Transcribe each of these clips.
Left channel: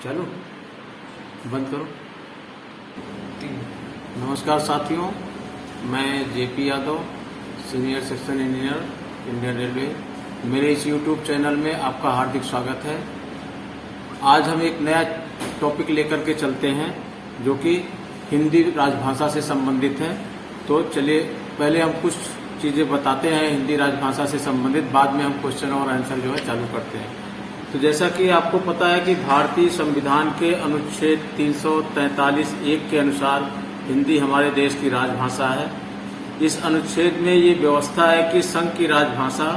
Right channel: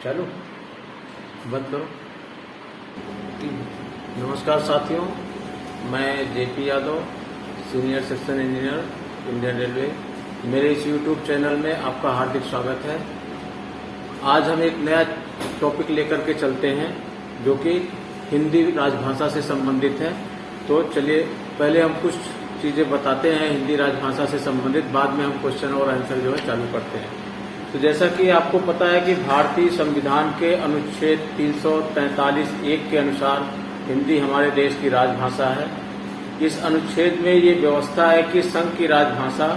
चलो बंद करो। नमस्कार साथियों, मैं JP Yadav, senior section engineer Indian railway. मेरे इस यूट्यूब चैनल में आपका हार्दिक स्वागत है। आज हम एक नया टॉपिक लेकर के चलते हैं जो कि हिंदी राजभाषा से संबंधित है। तो चलिए पहले हम कुछ चीजें बताते हैं हिंदी राजभाषा से संबंधित, बाद में हम क्वेश्चन और आंसर जो है चालू करते हैं। तो जैसा कि आपको पता है कि भारतीय संविधान के अनुच्छेद 343(1) के अनुसार हिंदी हमारे देश की राजभाषा है। इस अनुच्छेद में ये व्यवस्था है कि संघ की राजभाषा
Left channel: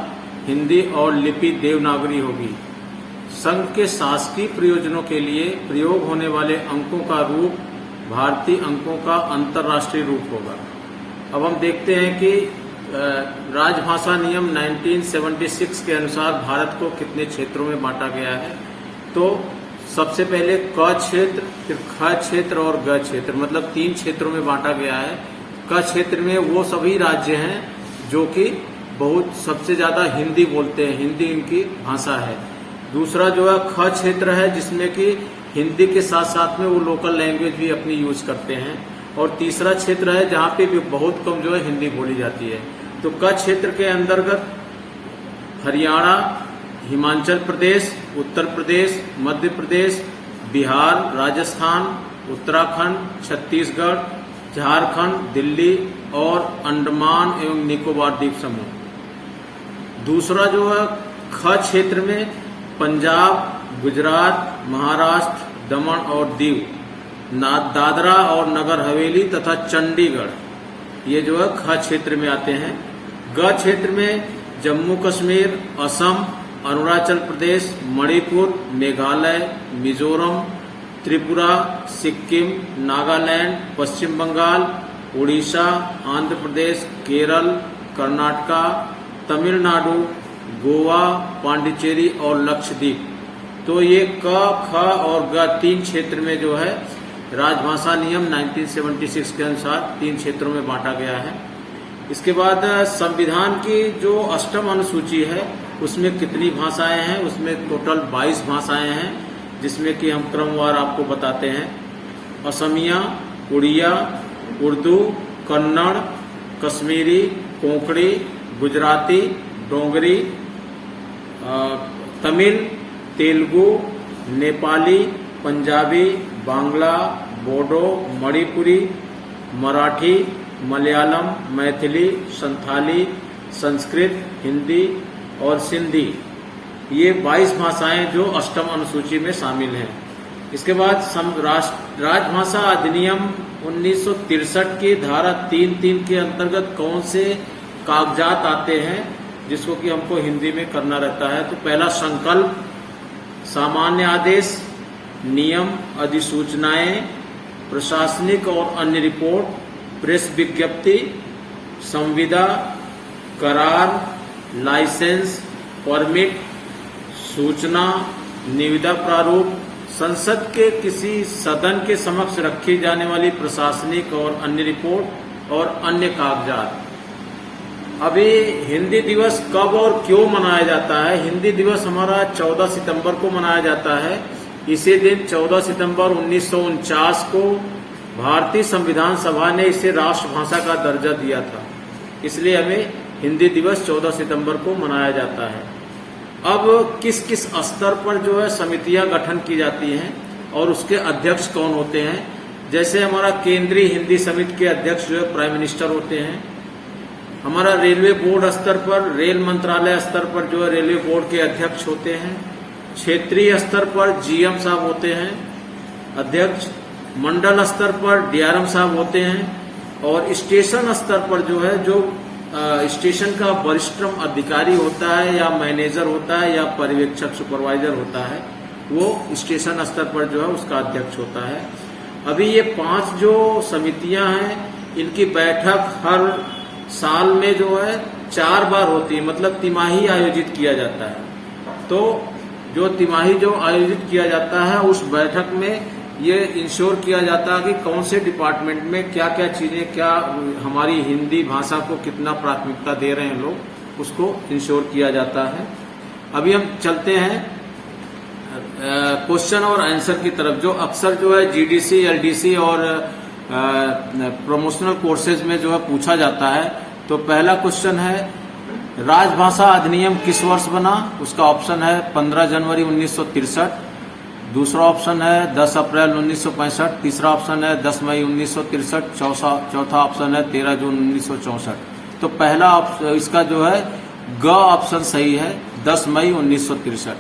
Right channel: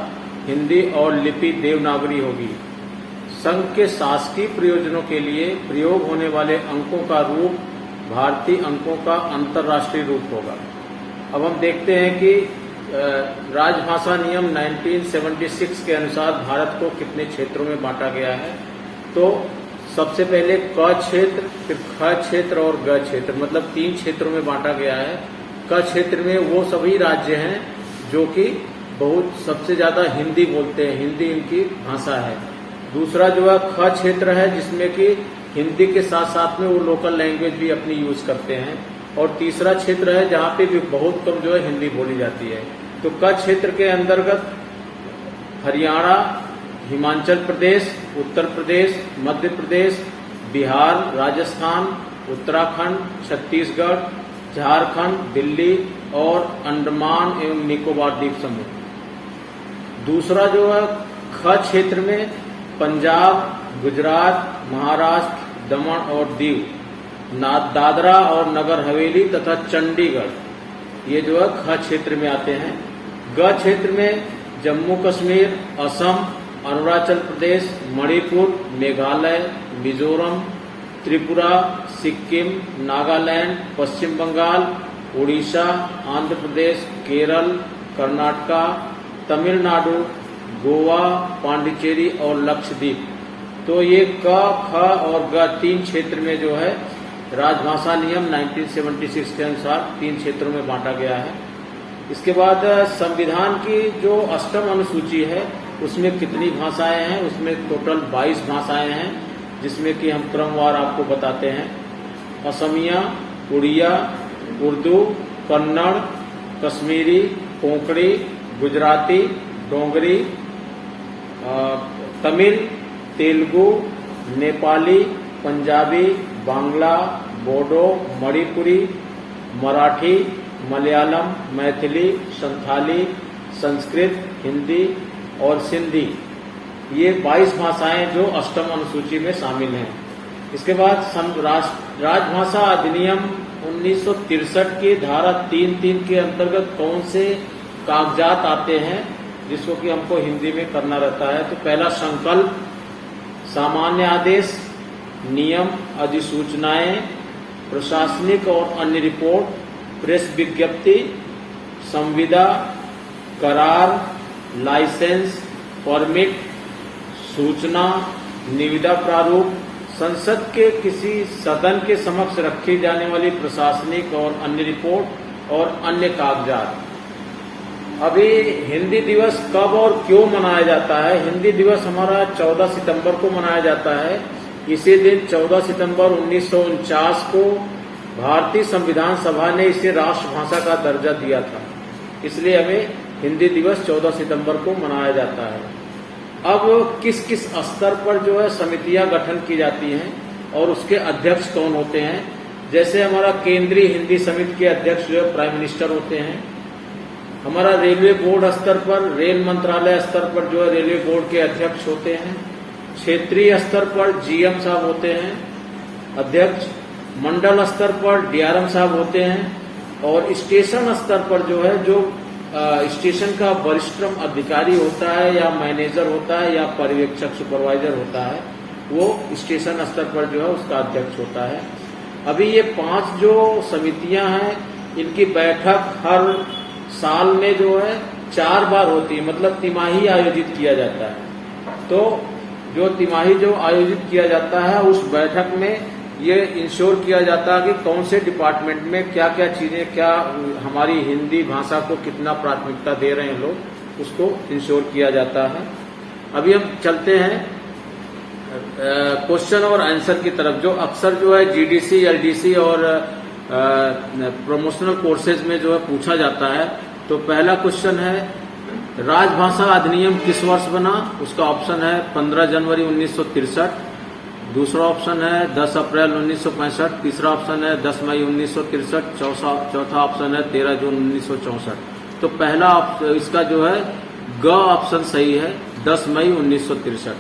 हिंदी और लिपि देवनागरी होगी। संघ के शासकीय प्रयोजनों के लिए प्रयोग होने वाले अंकों का रूप भारतीय अंकों का अंतर्राष्ट्रीय रूप होगा। अब हम देखते हैं कि राजभाषा नियम 1976 के अनुसार भारत को कितने क्षेत्रों में बांटा गया है। तो सबसे पहले क क्षेत्र, फिर ख क्षेत्र और ग क्षेत्र, मतलब 3 क्षेत्रों में बांटा गया है। क क्षेत्र में वो सभी राज्य हैं जो कि बहुत सबसे ज्यादा हिंदी बोलते हैं, हिंदी इनकी भाषा है। दूसरा जो है ख क्षेत्र है जिसमें कि हिंदी के साथ साथ में वो लोकल लैंग्वेज भी अपनी यूज करते हैं। और तीसरा क्षेत्र है जहाँ पे भी बहुत कम जो है हिंदी बोली जाती है। तो क क्षेत्र के अंतर्गत हरियाणा, हिमाचल प्रदेश, उत्तर प्रदेश, मध्य प्रदेश, बिहार, राजस्थान, उत्तराखंड, छत्तीसगढ़, झारखंड, दिल्ली और अंडमान एवं निकोबार द्वीप समूह। दूसरा जो है ख क्षेत्र में पंजाब, गुजरात, महाराष्ट्र, दमन और दीव, दादरा और नगर हवेली तथा चंडीगढ़, ये जो है ख क्षेत्र में आते हैं। ग क्षेत्र में जम्मू कश्मीर, असम, अरुणाचल प्रदेश, मणिपुर, मेघालय, मिजोरम, त्रिपुरा, सिक्किम, नागालैंड, पश्चिम बंगाल, उड़ीसा, आंध्र प्रदेश, केरल, कर्नाटका, तमिलनाडु, गोवा, पांडिचेरी और लक्षद्वीप। तो ये क, ख और ग 3 क्षेत्र में जो है राजभाषा नियम 1976 के अनुसार 3 क्षेत्रों में बांटा गया है। इसके बाद संविधान की जो 8वीं अनुसूची है उसमें कितनी भाषाएं हैं, उसमें टोटल 22 भाषाएं हैं, जिसमें कि हम क्रमवार आपको बताते हैं। असमिया, उड़िया, उर्दू, कन्नड़, कश्मीरी, कोंकणी, गुजराती, डोगरी, तमिल, तेलुगु, नेपाली, पंजाबी, बांग्ला, बोडो, मणिपुरी, मराठी, मलयालम, मैथिली, संथाली, संस्कृत, हिंदी और सिंधी, ये 22 भाषाएं जो 8वीं अनुसूची में शामिल हैं। इसके बाद राजभाषा अधिनियम 1963 की धारा 3(3) के अंतर्गत कौन से कागजात आते हैं जिसको कि हमको हिंदी में करना रहता है। तो पहला संकल्प, सामान्य आदेश, नियम, अधिसूचनाएं, प्रशासनिक और अन्य रिपोर्ट, प्रेस विज्ञप्ति, संविदा, करार, लाइसेंस, परमिट, सूचना, निविदा प्रारूप, संसद के किसी सदन के समक्ष रखी जाने वाली प्रशासनिक और अन्य रिपोर्ट और अन्य कागजात। अभी हिंदी दिवस कब और क्यों मनाया जाता है? हिंदी दिवस हमारा 14 सितंबर को मनाया जाता है। इसी दिन 14 सितंबर 1949 को भारतीय संविधान सभा ने इसे राष्ट्रभाषा का दर्जा दिया था, इसलिए हमें हिंदी दिवस 14 सितंबर को मनाया जाता है। अब किस किस स्तर पर जो है समितियां गठन की जाती हैं और उसके अध्यक्ष कौन होते हैं? जैसे हमारा केंद्रीय हिंदी समिति के अध्यक्ष जो है प्राइम मिनिस्टर होते हैं। हमारा रेलवे बोर्ड स्तर पर, रेल मंत्रालय स्तर पर जो है रेलवे बोर्ड के अध्यक्ष होते हैं। क्षेत्रीय स्तर पर जीएम साहब होते हैं अध्यक्ष। मंडल स्तर पर डीआरएम साहब होते हैं। और स्टेशन स्तर पर जो है जो स्टेशन का वरिष्ठतम अधिकारी होता है या मैनेजर होता है या पर्यवेक्षक सुपरवाइजर होता है, वो स्टेशन स्तर पर जो है उसका अध्यक्ष होता है। अभी ये 5 जो समितियां हैं इनकी बैठक हर साल में जो है 4 बार होती है, मतलब तिमाही आयोजित किया जाता है। तो जो तिमाही जो आयोजित किया जाता है उस बैठक में ये इंश्योर किया जाता है कि कौन से डिपार्टमेंट में क्या क्या चीजें, क्या हमारी हिंदी भाषा को कितना प्राथमिकता दे रहे हैं लोग, उसको इंश्योर किया जाता है। अभी हम चलते हैं क्वेश्चन और आंसर की तरफ, जो अक्सर जो है जीडीसी, एलडीसी और प्रमोशनल कोर्सेज में जो है पूछा जाता है। तो पहला क्वेश्चन है, राजभाषा अधिनियम किस वर्ष बना? उसका ऑप्शन है 15 जनवरी 1963, दूसरा ऑप्शन है 10 अप्रैल 1965, तीसरा ऑप्शन है 10 मई 1963, चौथा ऑप्शन है 13 जून 1964। तो पहला इसका जो है ग ऑप्शन सही है, 10 मई 1963।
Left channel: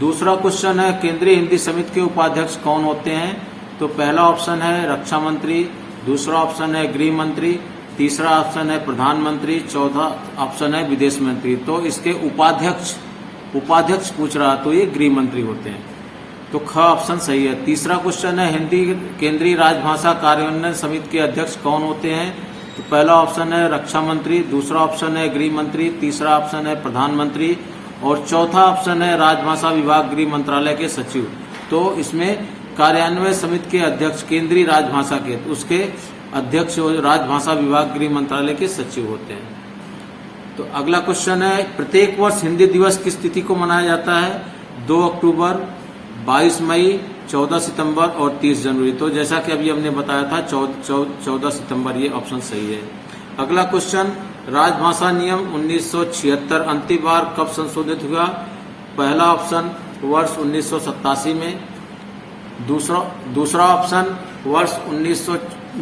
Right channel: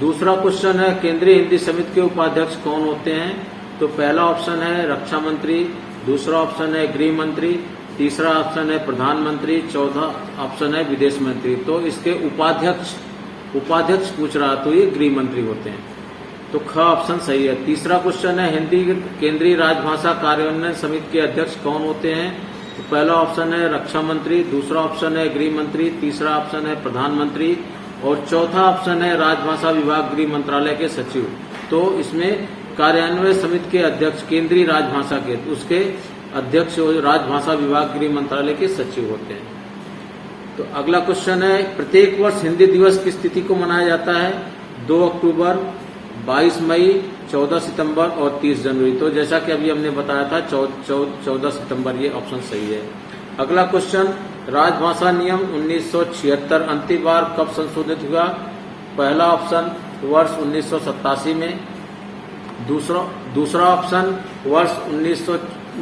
दूसरा क्वेश्चन है, केंद्रीय हिंदी समिति के उपाध्यक्ष कौन होते हैं? तो पहला ऑप्शन है रक्षा मंत्री, दूसरा ऑप्शन है गृह मंत्री, तीसरा ऑप्शन है प्रधानमंत्री, चौथा ऑप्शन है विदेश मंत्री। तो इसके उपाध्यक्ष पूछ रहा, तो ये गृह मंत्री होते हैं। तो ख ऑप्शन सही है। तीसरा क्वेश्चन है, हिंदी केंद्रीय राजभाषा कार्यान्वयन समिति के अध्यक्ष कौन होते हैं? तो पहला ऑप्शन है रक्षा मंत्री, दूसरा ऑप्शन है गृह मंत्री, तीसरा ऑप्शन है प्रधानमंत्री और चौथा ऑप्शन है राजभाषा विभाग गृह मंत्रालय के सचिव। तो इसमें कार्यान्वयन समिति के अध्यक्ष केंद्रीय राजभाषा के, उसके अध्यक्ष राजभाषा विभाग गृह मंत्रालय के सचिव होते हैं। तो अगला क्वेश्चन है, प्रत्येक वर्ष हिंदी दिवस किस तिथि को मनाया जाता है? 2 अक्टूबर, 22 मई, 14 सितंबर और 30 जनवरी। तो जैसा कि अभी हमने बताया था 14 सितंबर, ये ऑप्शन सही है। अगला क्वेश्चन, राजभाषा नियम 1976 अंतिम बार कब संशोधित हुआ? पहला ऑप्शन वर्ष 1987 में, दूसरा ऑप्शन वर्ष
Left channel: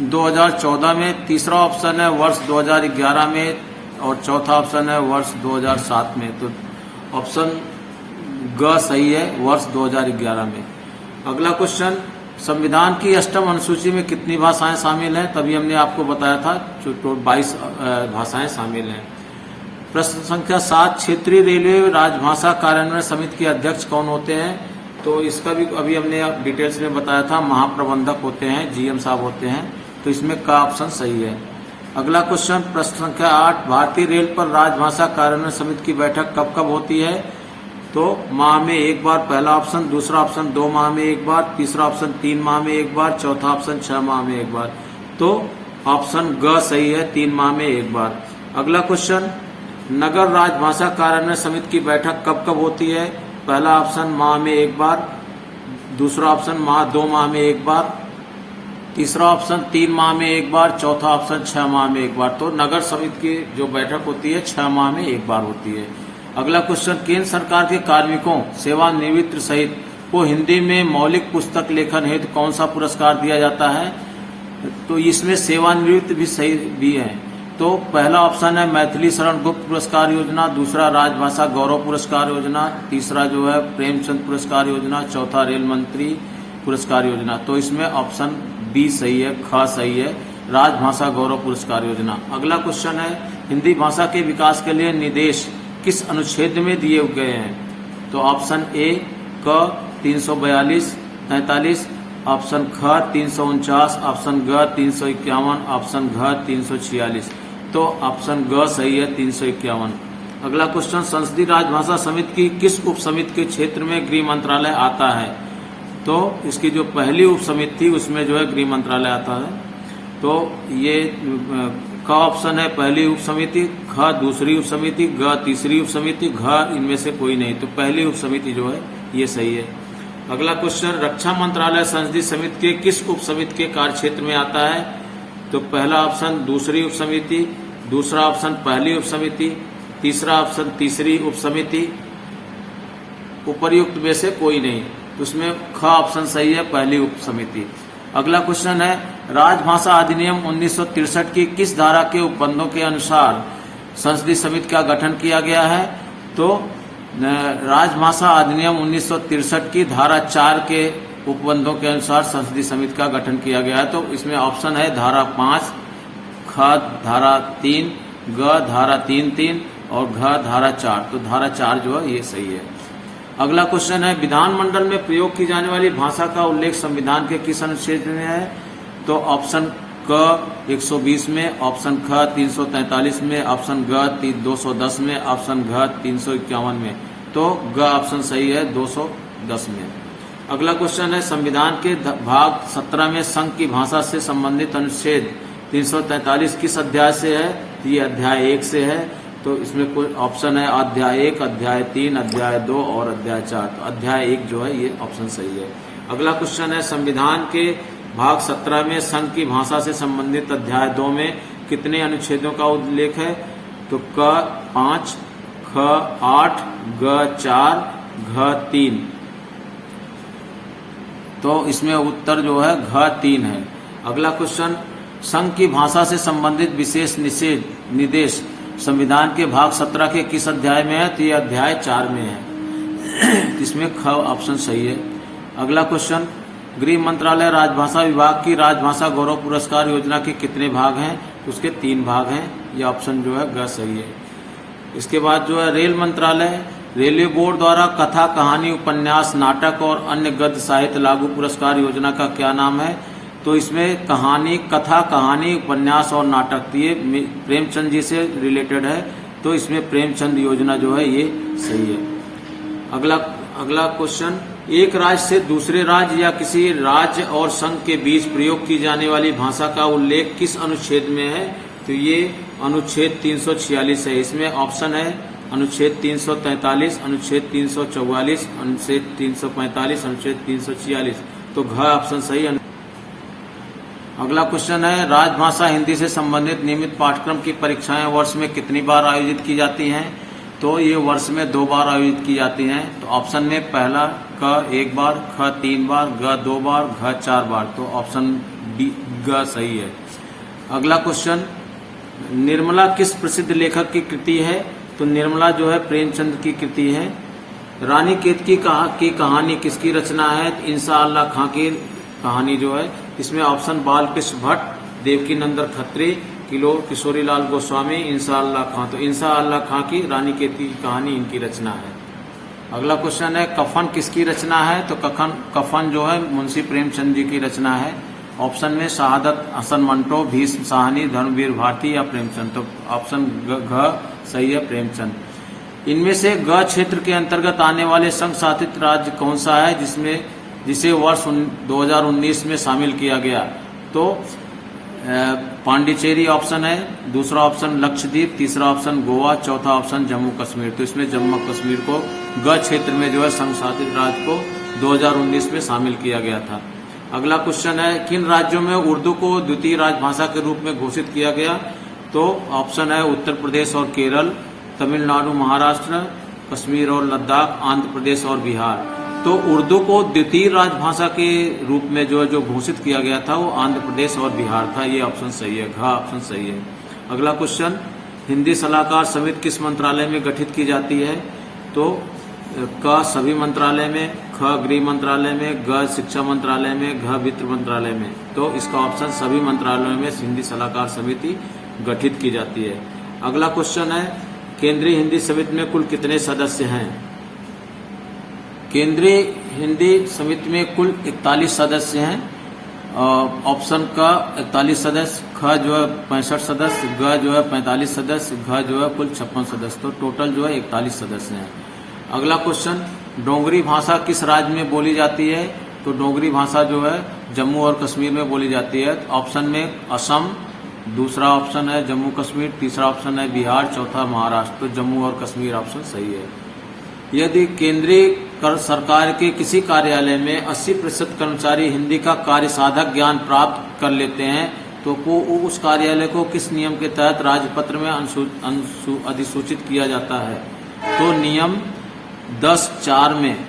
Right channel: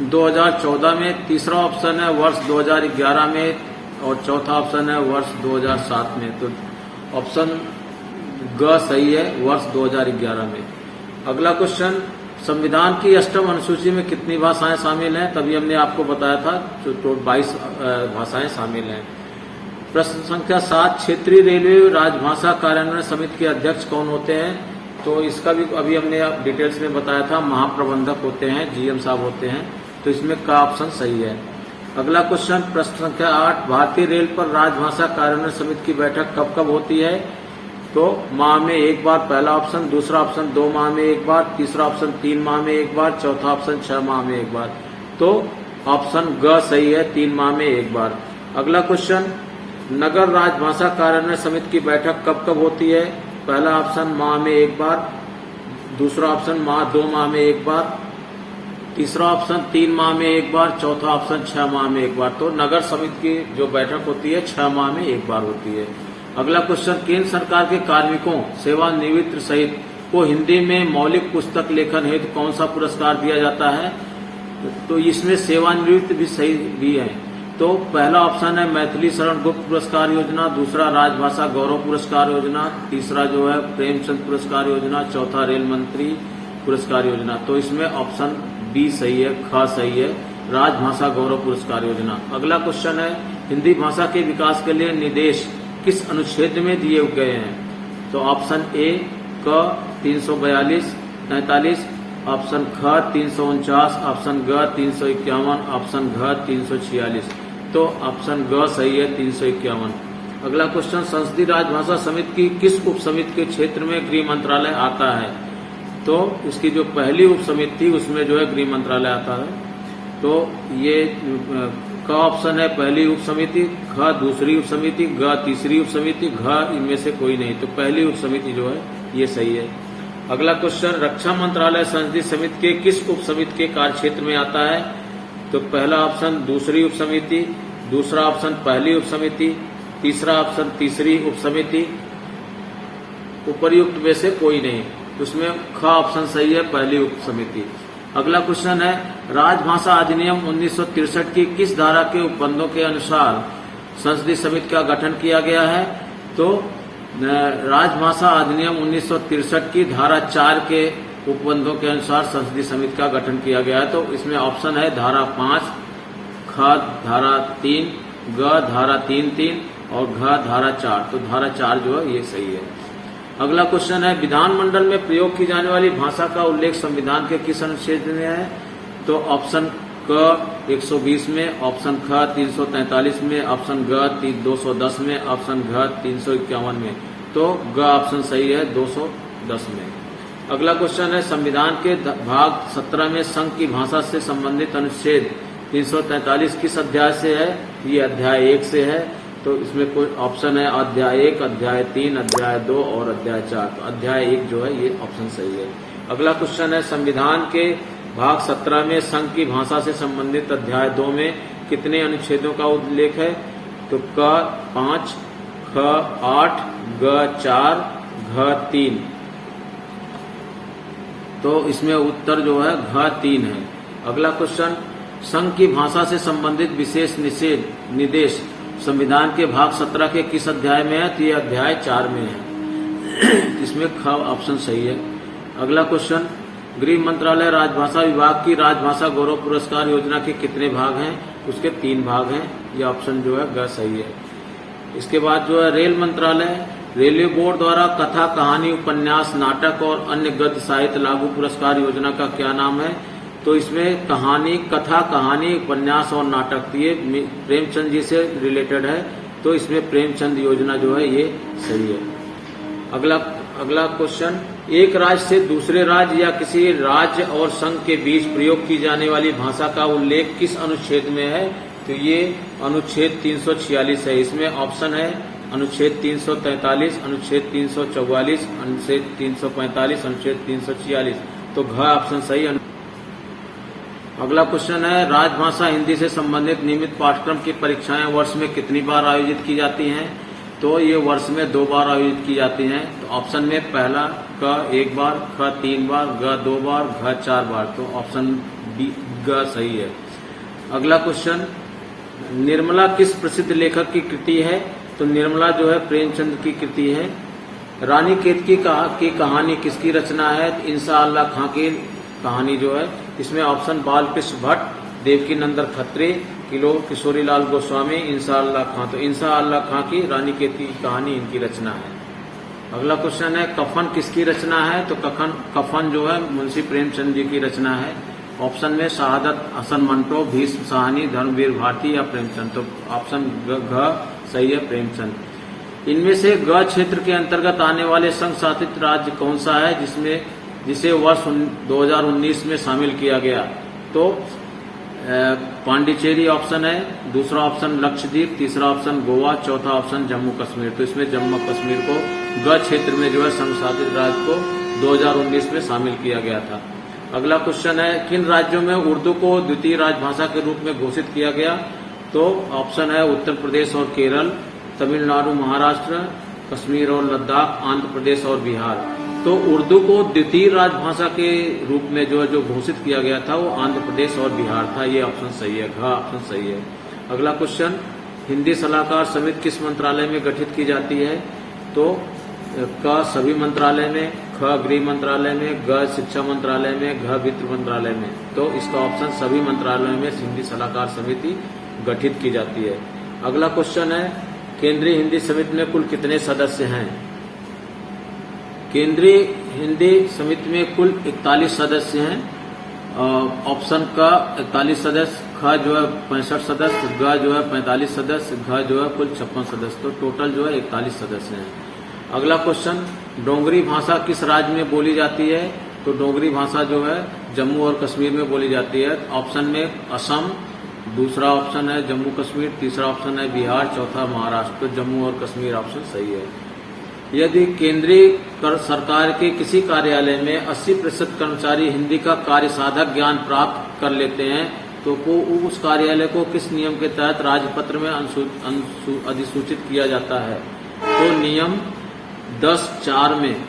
2014 में, तीसरा ऑप्शन है वर्ष 2011 में और चौथा ऑप्शन है वर्ष 2007 में। तो ऑप्शन ग सही है, वर्ष 2011 में। अगला क्वेश्चन, संविधान की अष्टम अनुसूची में कितनी भाषाएं शामिल हैं? तभी हमने आपको बताया था, तो 22 भाषाएं शामिल हैं। प्रश्न संख्या 7, क्षेत्रीय रेलवे राजभाषा कार्यान्वयन समिति के अध्यक्ष कौन होते हैं? तो इसका भी अभी हमने डिटेल्स में बताया था, महाप्रबंधक होते हैं, जीएम साहब होते हैं। तो इसमें का ऑप्शन सही है। अगला क्वेश्चन, प्रश्न संख्या 8, भारतीय रेल पर राजभाषा कार्यान्वयन समिति की बैठक कब कब होती है? तो माह में एक बार पहला ऑप्शन, दूसरा ऑप्शन 2 माह में एक बार, तीसरा ऑप्शन 3 माह में एक बार, चौथा ऑप्शन 6 माह में एक बार। तो ऑप्शन ग सही है, 3 माह में एक बार। अगला क्वेश्चन, नगर राजभाषा कार्यान्वयन समिति की बैठक कब कब होती है? पहला ऑप्शन माह में एक बार, दूसरा ऑप्शन 2 माह में एक बार, तीसरा ऑप्शन 3 माह में एक बार, चौथा ऑप्शन 6 माह में एक बार। तो नगर समिति की जो बैठक होती है 6 माह में एक बार होती है। अगला क्वेश्चन, केंद्र सरकार के कार्मिकों, सेवानिवृत्त सहित को हिंदी में मौलिक पुस्तक लेखन हेतु कौन सा पुरस्कार दिया जाता है? तो इसमें सेवानिवृत्त भी सही भी है। तो पहला ऑप्शन है मैथिली शरण गुप्त पुरस्कार योजना, दूसरा राजभाषा गौरव पुरस्कार योजना, तीसरा जो है प्रेमचंद पुरस्कार योजना, चौथा रेल मंत्री पुरस्कार योजना। तो इसमें ऑप्शन बी सही है, ख सही है, राजभाषा गौरव पुरस्कार योजना। अगला क्वेश्चन है, हिंदी भाषा के विकास के लिए निर्देश किस अनुच्छेद में दिए गए हैं? तो ऑप्शन ए क 342-43, ऑप्शन ख 349, ऑप्शन ग 351, ऑप्शन घ 346। तो ऑप्शन ग सही है, 351। अगला क्वेश्चन, संसदीय राजभाषा समिति की किस उप समिति के क्षेत्र में गृह मंत्रालय आता है? तो इसकी जो पहली उप समिति थी उसमें जो है गृह मंत्रालय आता है। तो ये का ऑप्शन है पहली उप समिति, ख दूसरी उप समिति, ग तीसरी उप समिति, घ इनमें से कोई नहीं। तो पहली उप समिति जो है ये सही है। अगला क्वेश्चन, रक्षा मंत्रालय संसदीय समिति के किस उप समिति के कार्यक्षेत्र में आता है? तो पहला ऑप्शन दूसरी उप समिति, दूसरा ऑप्शन पहली उप समिति, तीसरा ऑप्शन तीसरी उप समिति, उपर्युक्त में से कोई नहीं। उसमें ख ऑप्शन सही है, पहली उप समिति। अगला क्वेश्चन है, राजभाषा अधिनियम 1963 की किस धारा के उपबंधों के अनुसार संसदीय समिति का गठन किया गया है? तो राजभाषा अधिनियम 1963 की धारा 4 के उपबंधों के अनुसार संसदीय समिति का गठन किया गया है। तो इसमें ऑप्शन है धारा 5, ख धारा 3, ग धारा 3 और घ धारा 4। तो धारा 4 जो है ये सही है। अगला क्वेश्चन है, विधानमंडल में प्रयोग की जाने वाली भाषा का उल्लेख संविधान के किस अनुच्छेद में है? तो ऑप्शन क 120 में, ऑप्शन ख 343 में, ऑप्शन ग 210 में, ऑप्शन घ 351 में। तो ग ऑप्शन सही है, 210 में। अगला क्वेश्चन है, संविधान के भाग 17 में संघ की भाषा से संबंधित अनुच्छेद 343 किस अध्याय से है? ये अध्याय 1 से है। तो इसमें कोई ऑप्शन है अध्याय 1, अध्याय 3, अध्याय 2 और अध्याय 4। तो अध्याय 1 जो है ये ऑप्शन सही है। अगला क्वेश्चन है संविधान के भाग 17 में संघ की भाषा से संबंधित अध्याय 2 में कितने अनुच्छेदों का उल्लेख है? तो क 5, ख 8, ग 4, घ 3। तो इसमें उत्तर जो है घ 3 है। अगला क्वेश्चन संघ की भाषा से संबंधित विशेष निर्देश संविधान के भाग 17 के किस अध्याय में है? तो ये अध्याय 4 में है। इसमें ख ऑप्शन सही है। अगला क्वेश्चन गृह मंत्रालय राजभाषा विभाग की राजभाषा गौरव पुरस्कार योजना के कितने भाग हैं? उसके 3 भाग हैं। ये ऑप्शन जो है ग सही है। इसके बाद जो है रेल मंत्रालय रेलवे बोर्ड द्वारा कथा, कहानी, उपन्यास, नाटक और अन्य गद्य साहित्य लागू पुरस्कार योजना का क्या नाम है? तो इसमें कथा, कहानी, उपन्यास और नाटक ये प्रेमचंद जी से रिलेटेड है, तो इसमें प्रेमचंद योजना जो है ये सही है। अगला क्वेश्चन एक राज्य से दूसरे राज्य या किसी राज्य और संघ के बीच प्रयोग की जाने वाली भाषा का उल्लेख किस अनुच्छेद में है? तो ये अनुच्छेद 346 है। इसमें ऑप्शन है अनुच्छेद 343, अनुच्छेद 344, अनुच्छेद 345, अनुच्छेद 346। तो घ ऑप्शन सही है। अगला क्वेश्चन है राजभाषा हिंदी से संबंधित नियमित पाठ्यक्रम की परीक्षाएं वर्ष में कितनी बार आयोजित की जाती हैं? तो ये वर्ष में 2 बार आयोजित की जाती हैं। तो ऑप्शन में पहला क 1 बार, ख 3 बार, ग 2 बार, घ 4 बार। तो ऑप्शन डी ग सही है। अगला क्वेश्चन निर्मला किस प्रसिद्ध लेखक की कृति है? तो निर्मला जो है प्रेमचंद की कृति है। रानी केतकी की कहानी किसकी रचना है? इंशाअल्लाह खां की कहानी जो है। इसमें ऑप्शन बालकृष्ण भट्ट, देवकी नंदन खत्री, किशोरीलाल गोस्वामी, इंशाअल्लाह खां। तो इंशाअल्लाह खां की रानी केतकी की कहानी इनकी रचना है। अगला क्वेश्चन है कफन किसकी रचना है? तो कफन जो है मुंशी प्रेमचंद जी की रचना है। ऑप्शन में शहादत हसन मंटो, भीष्म साहनी, धर्मवीर भारती या प्रेमचंद। तो ऑप्शन घ सही है, प्रेमचंद। इनमें से ग क्षेत्र के अंतर्गत आने वाले संघ शासित राज्य कौन सा है जिसे वर्ष 2019 में शामिल किया गया? तो पांडिचेरी ऑप्शन है, दूसरा ऑप्शन लक्षद्वीप, तीसरा ऑप्शन गोवा, चौथा ऑप्शन जम्मू कश्मीर। तो इसमें जम्मू कश्मीर को ग क्षेत्र में जो है संघ शासित राज्य को 2019 में शामिल किया गया था। अगला क्वेश्चन है किन राज्यों में उर्दू को द्वितीय राजभाषा के रूप में घोषित किया गया? तो ऑप्शन है उत्तर प्रदेश और केरल, तमिलनाडु, महाराष्ट्र, कश्मीर और लद्दाख, आंध्र प्रदेश और बिहार। तो उर्दू को द्वितीय राजभाषा के रूप में जो घोषित किया गया था वो आंध्र प्रदेश और बिहार था। ये ऑप्शन सही है, घ ऑप्शन सही है। अगला क्वेश्चन हिंदी सलाहकार समिति किस मंत्रालय में गठित की जाती है? तो क सभी मंत्रालय में, ख गृह मंत्रालय में, ग शिक्षा मंत्रालय में, घ वित्त मंत्रालय में। तो इसका ऑप्शन सभी मंत्रालयों में हिंदी सलाहकार समिति गठित की जाती है। अगला क्वेश्चन है केंद्रीय हिंदी समिति में कुल कितने सदस्य हैं? केंद्रीय हिंदी समिति में कुल 41 सदस्य हैं। ऑप्शन का 41 सदस्य, ख जो है 65 सदस्य, ग जो है 45 सदस्य, घ जो है कुल 56 सदस्य। तो टोटल जो है 41 सदस्य हैं। अगला क्वेश्चन डोगरी भाषा किस राज्य में बोली जाती है? तो डोगरी भाषा जो है जम्मू और कश्मीर में बोली जाती है। ऑप्शन में असम, दूसरा ऑप्शन है जम्मू कश्मीर, तीसरा ऑप्शन है बिहार, चौथा महाराष्ट्र। तो जम्मू और कश्मीर ऑप्शन सही है। यदि केंद्रीय सरकार के किसी कार्यालय में 80% कर्मचारी हिंदी का कार्य साधक ज्ञान प्राप्त कर लेते हैं तो उस कार्यालय को किस नियम के तहत राजपत्र में अधिसूचित किया जाता है? तो नियम 10(4) में,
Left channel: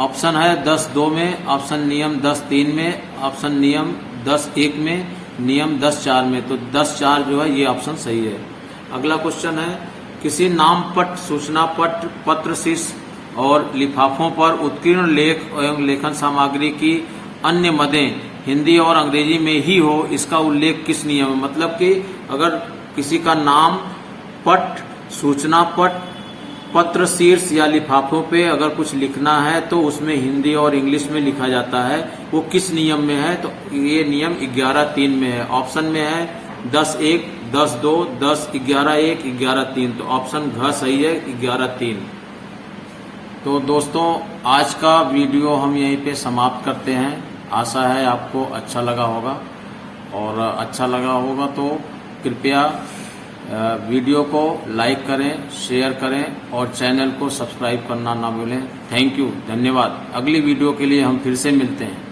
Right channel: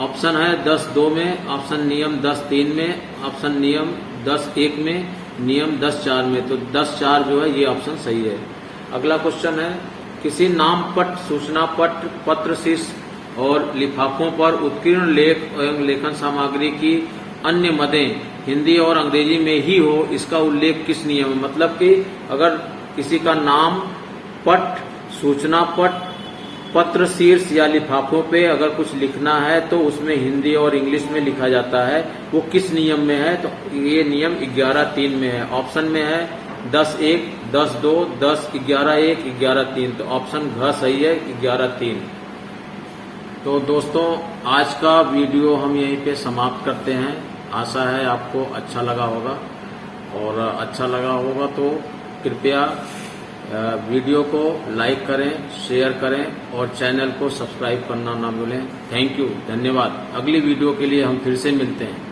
ऑप्शन है 10(2) में, ऑप्शन नियम 10(3) में, ऑप्शन नियम 10(1) में, नियम 10(4) में। तो 10(4) जो है ये ऑप्शन सही है। अगला क्वेश्चन है किसी नाम पट, सूचना पट, पत्र, शीर्ष और लिफाफों पर उत्कीर्ण लेख एवं लेखन सामग्री की अन्य मदें हिंदी और अंग्रेजी में ही हो, इसका उल्लेख किस नियम में? मतलब कि अगर किसी का नाम पट, सूचना पट, पत्र, शीर्ष या लिफाफों पे अगर कुछ लिखना है तो उसमें हिंदी और इंग्लिश में लिखा जाता है, वो किस नियम में है? तो ये नियम 11(3) में है। ऑप्शन में है 10(1), 10(2), 10(11)(1), 11(3). तो ऑप्शन घ सही है, 11(3). तो दोस्तों आज का वीडियो हम यहीं पे समाप्त करते हैं। आशा है आपको अच्छा लगा होगा, और अच्छा लगा होगा तो कृपया वीडियो को लाइक करें, शेयर करें और चैनल को सब्सक्राइब करना ना भूलें। थैंक यू, धन्यवाद। अगली वीडियो के लिए हम फिर से मिलते हैं।